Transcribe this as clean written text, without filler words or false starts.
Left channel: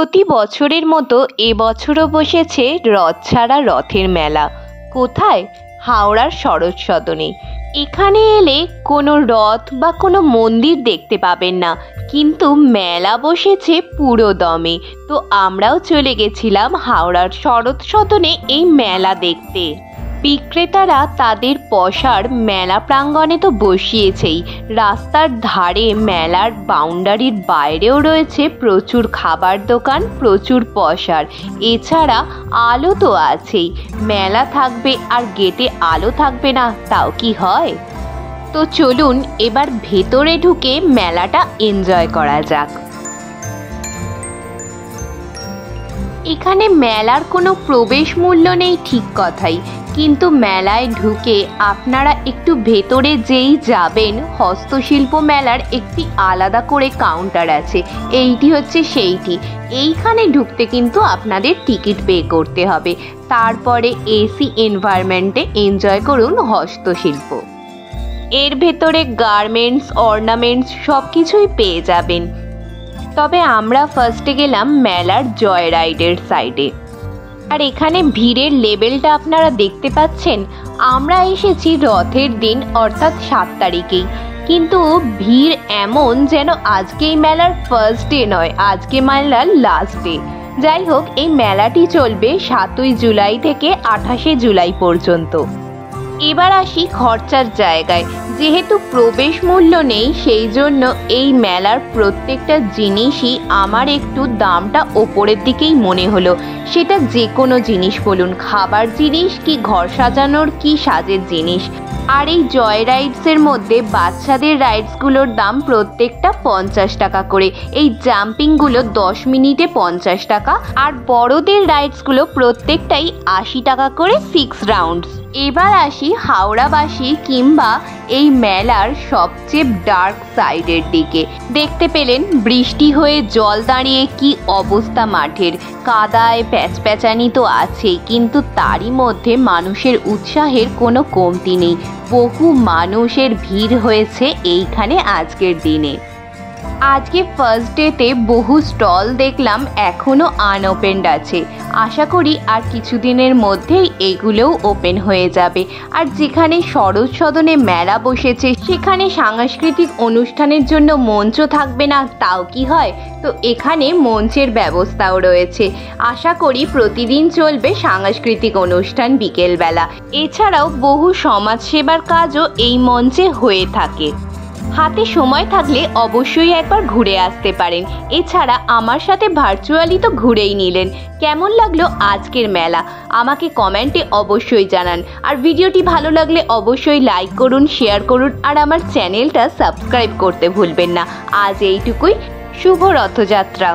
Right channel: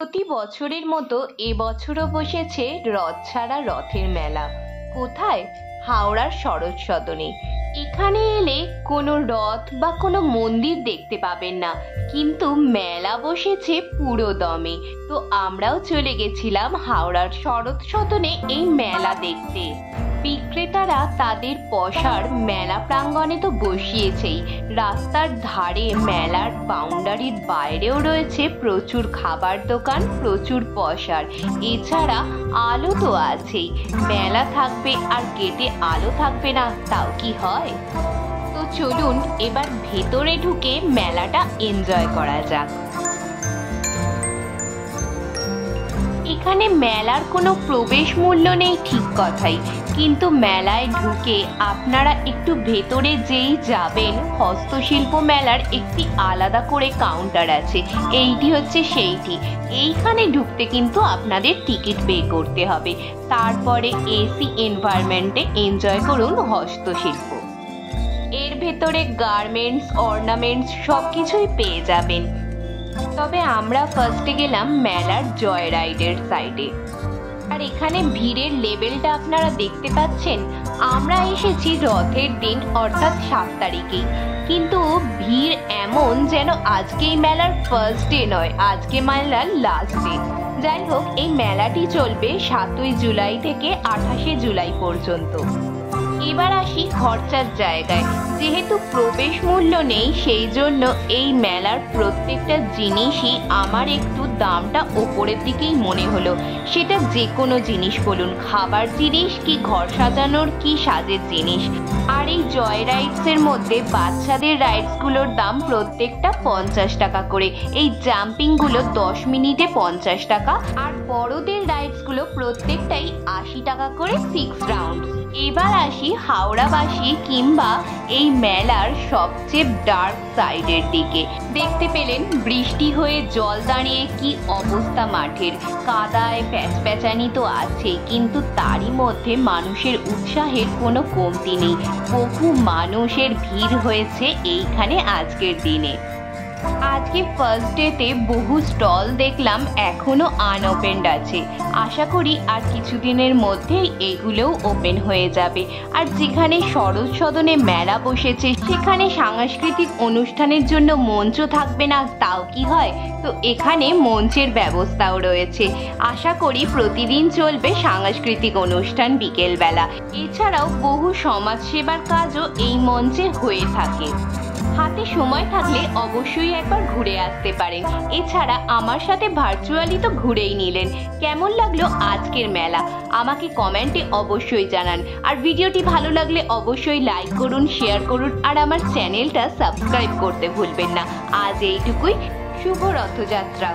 প্রতি বছরের মতো এবছরও বসেছে রথ ছাড়া রথের মেলা। কোথায়? হাওড়ার শরৎ সদনে। এখানে এলে কোনো রথ বা কোনো মন্দির দেখতে পাবেন না, কিন্তু মেলা বসেছে পুরো দমে। তো আমরাও চলে গেছিলাম হাওড়ার শরৎ সদনে এই মেলা দেখতে। বিক্রেতারা তাদের পসার মেলা প্রাঙ্গণে তো বসিয়েছেই, রাস্তার ধারে মেলার বাউন্ডারির বাইরেও রয়েছে প্রচুর খাবার দোকান, প্রচুর পসার। এছাড়া আলো তো আছেই, মেলা থাকবে আর গেটে আলো থাকবে না, তাও কি হয়? তো চলুন এবার ভেতরে ঢুকে মেলাটা এনজয় করা যাক। এখানে মেলার কোনো প্রবেশ মূল্য নেই ঠিক কথাই, কিন্তু মেলায় ঢুকে আপনারা একটু ভেতরে যেই যাবেন, হস্তশিল্প মেলার একটি আলাদা করে কাউন্টার আছে। এইটি হচ্ছে সেইটি। এইখানে ঢুকতে কিন্তু আপনাদের টিকিট পে করতে হবে। তারপরে এসি এনভায়রনমেন্টে এনজয় করুন হস্তশিল্প। এর ভেতরে গার্মেন্টস, অর্নামেন্টস সব কিছুই পেয়ে যাবেন। তবে আমরা ফার্স্টে গেলাম মেলার জয় রাইডের সাইডে। আর এখানে ভিড়ের লেভেলটা আপনারা দেখতে পাচ্ছেন। আমরা এসেছি রথের দিন অর্থাৎ 7 তারিখেই, কিন্তু ভিড় এমন যেন আজকেই মেলার ফার্স্ট ডে নয়, আজকে মেলার লাস্ট ডে। যাই হোক, এই মেলাটি চলবে 7ই জুলাই থেকে 28শে জুলাই পর্যন্ত। এবার আসি খরচার জায়গায়। যেহেতু প্রবেশ মূল্য নেই, সেই জন্য এই মেলার প্রত্যেকটা জিনিসই আমার একটু দামটা ওপরের দিকেই মনে হলো। সেটা যে কোনো জিনিস বলুন, খাবার জিনিস কি ঘর সাজানোর কি সাজের জিনিস। আর এই জয় রাইডসের মধ্যে বাচ্চাদের রাইডসগুলোর দাম প্রত্যেকটা 50 টাকা করে। এই জাম্পিংগুলো 10 মিনিটে 50 টাকা, আর বড়দের রাইডসগুলো প্রত্যেকটাই 80 টাকা করে 6 রাউন্ডস। এবার আসি হাওড়াবাসী কিংবা এই মেলার সবচেয়ে ডার্ক সাইডের দিকে। দেখতে পেলেন বৃষ্টি হয়ে জল দাঁড়িয়ে কি অবস্থা মাঠের। কাদায় প্যাচপ্যাচানি তো আছেই, কিন্তু তারই মধ্যে মানুষের উৎসাহের কোনো কমতি নেই। বহু মানুষের ভিড় হয়েছে এইখানে আজকের দিনে। আজকে ফার্স্ট ডেতে বহু স্টল দেখলাম এখনো আনওপেন্ড আছে। আশা করি আর কিছুদিনের মধ্যেই এগুলোও ওপেন হয়ে যাবে। আর যেখানে শরৎ সদনে মেলা বসেছে, সেখানে সাংস্কৃতিক অনুষ্ঠানের জন্য মঞ্চ থাকবে না, তাও কি হয়? তো এখানে মঞ্চের ব্যবস্থাও রয়েছে। আশা করি প্রতিদিন চলবে সাংস্কৃতিক অনুষ্ঠান বিকেলবেলা। এছাড়াও বহু সমাজসেবার কাজও এই মঞ্চে হয়ে থাকে। হাতে সময় থাকলে অবশ্যই একবার ঘুরে আসতে পারেন। এছাড়া আমার সাথে ভার্চুয়ালি তো ঘুরেই নিলেন। কেমন লাগলো আজকের মেলা আমাকে কমেন্টে অবশ্যই জানান। আর ভিডিওটি ভালো লাগলে অবশ্যই লাইক করুন, শেয়ার করুন, আর আমার চ্যানেলটা সাবস্ক্রাইব করতে ভুলবেন না। আজ এইটুকুই। শুভ রথযাত্রা।